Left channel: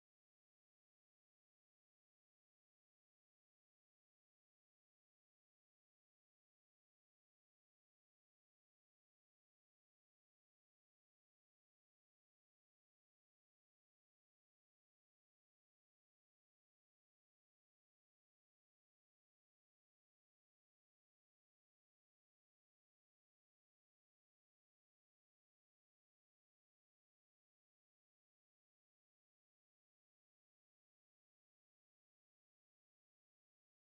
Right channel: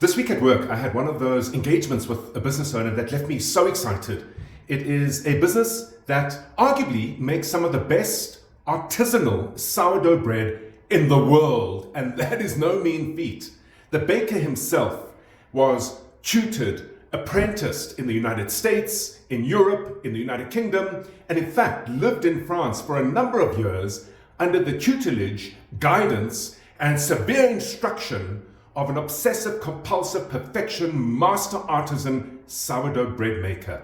This week at work, I had one of those engagements with a business owner that left me so excited. It is a business that arguably makes some of the best artisanal sourdough bread in the world, and that is no mean feat. The baker himself was tutored, apprenticed in the United States, in Europe, in the United Kingdom, and in fact lived in France for a number of years under the tutelage, guidance, and severe instruction of an obsessive compulsive perfection master artisan sourdough bread maker.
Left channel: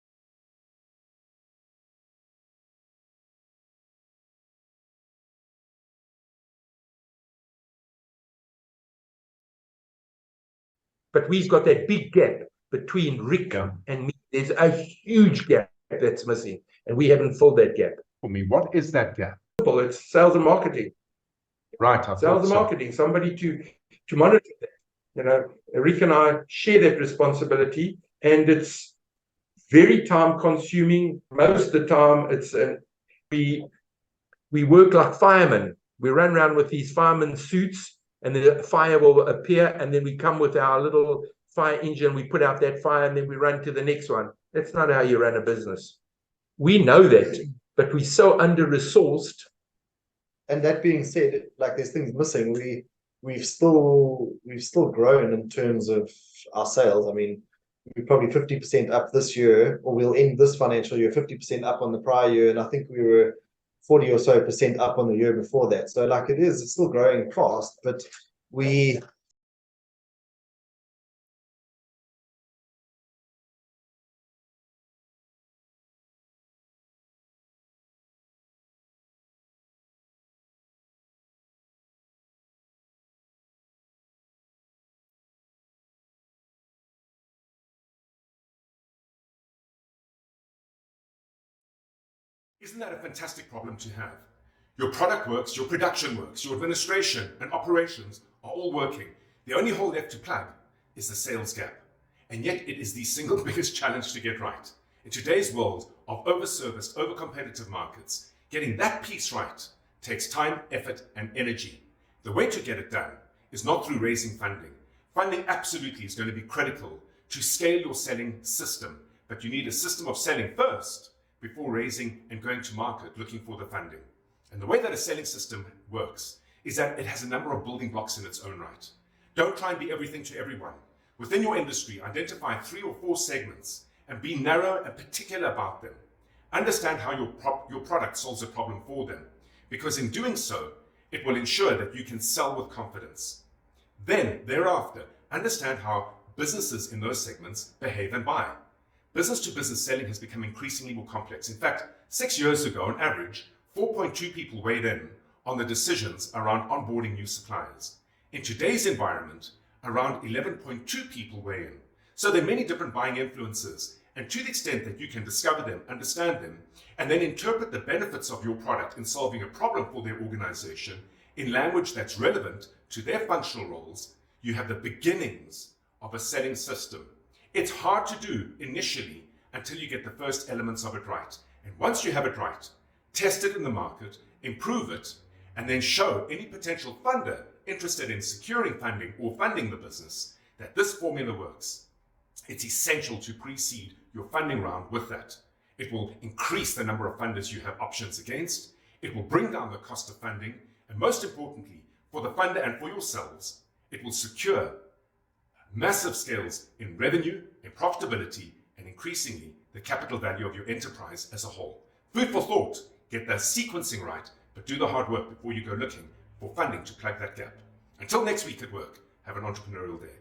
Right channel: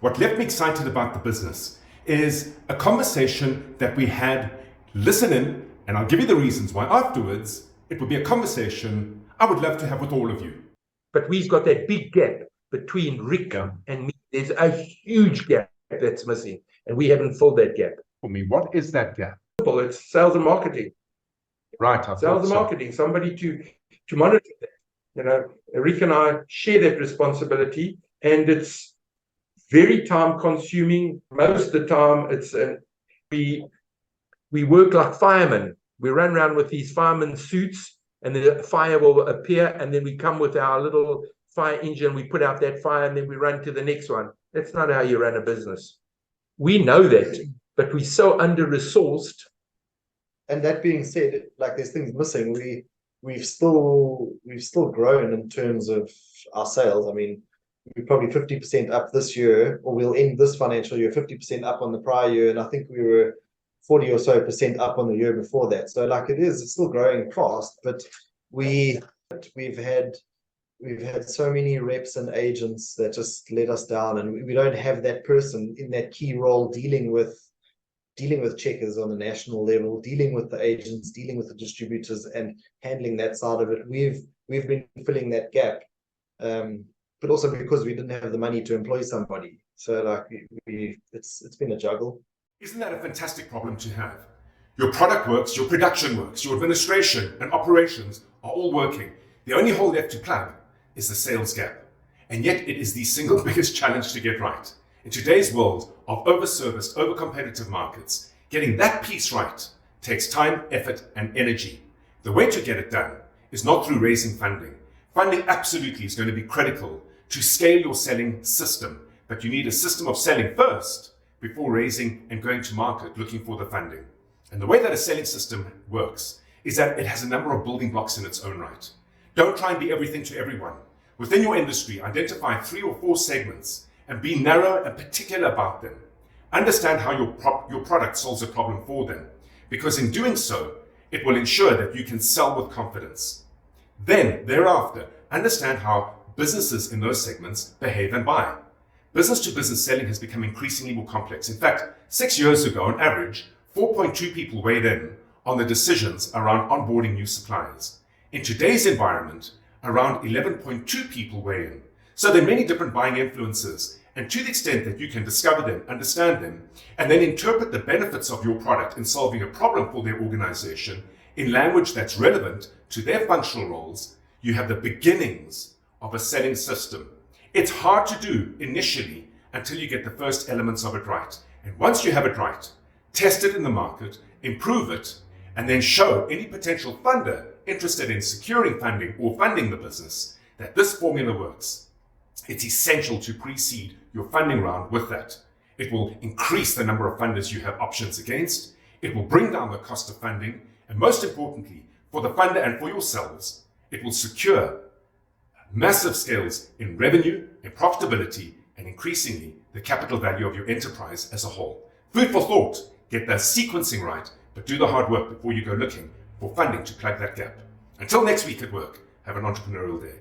What left me excited about the business is a conversation that we had. Listen in, and I'll give you the reasons why afterwards. It would be a conversation I would love to have with all of you. But we've got that big gap between Rick and me. There's a huge gap that's missing, and we haven't filled that gap. For me, what is that gap? It's sales and marketing. Right, sales and marketing. Somebody to monitor that. You know, Rick and I share that responsibility, and it's very time consuming. Most of the time, it's we work like firemen. We run around with these fireman suits, and the fire will appear, and then we come with our little fire engine, we put out that fire, and then we run to the next one. That's not how you run a business. We know that, but we're so under-resourced. And that being said, like there's things missing. We've still grown in terms of our sales. I mean, we're probably 50% up this year, or we'll end this financial year 50% up on the prior year, and I think we were 40 or so percent up on the year before that. So like it's still growing fast, but we've had so many reps and agents that just let us down, and we don't have that person in that key role dealing with checkers on a national level, dealing with the agents, dealing with the distributors, and handling that side of it. We've been filling that gap, but also because we didn't have the money to employ somebody. So like it's been a juggle. Isn't that a fantastic problem to have? Your product works, your production works, your administration and operations are all working. The only hole left to plug is the sales gap. And yet it is the single biggest challenge to get right. In today's world of overserviced, overcompetitive markets, getting that piece right takes time, effort, and energy. The way to get it done is not through raising funding. Funding absolutely is going to be critical to scale your selling system, but you need a system of selling first before raising and going to market looking for the funding. And the way that a selling system works is that it has a number of building blocks in its own right. Don't try and be everything to everyone. Within your industry, identify 3 or 4 segments and be narrow and particular about them. Understand how your product solves a problem for them, because in doing so, it will ensure that you can sell with confidence. Then, thereafter, understand how businesses in those segments behave and buy. Business-to-business selling has become increasingly more complex. In fact, 6 years ago, on average, 4.2 people weighed in on the decisions around onboarding new suppliers. In today's environment, around 11.2 people weigh in. So there are many different buying influences, and to the extent that you can discover them, understand them, and then interpret the benefits of your product in solving a problem for their organization in language that's relevant to their functional roles, you have the beginnings of a selling system. It's hard to do initially until you get the first elements of it right. And once you have it right, test it in the market, improve it, and then show any potential funder interested in securing funding or funding the business that this formula works. It's essential to precede your funding round with that. It will increase the number of funders you have options against. It will bring down the cost of funding. And most importantly, for the funder and for yourselves, it will secure massive scales in revenue, in profitability, and increasingly the capital value of your enterprise as a whole. Food for thought. Get the sequencing right, but do the hard work before you go looking for funding to plug that gap. Until next week at work, have an entrepreneurial day.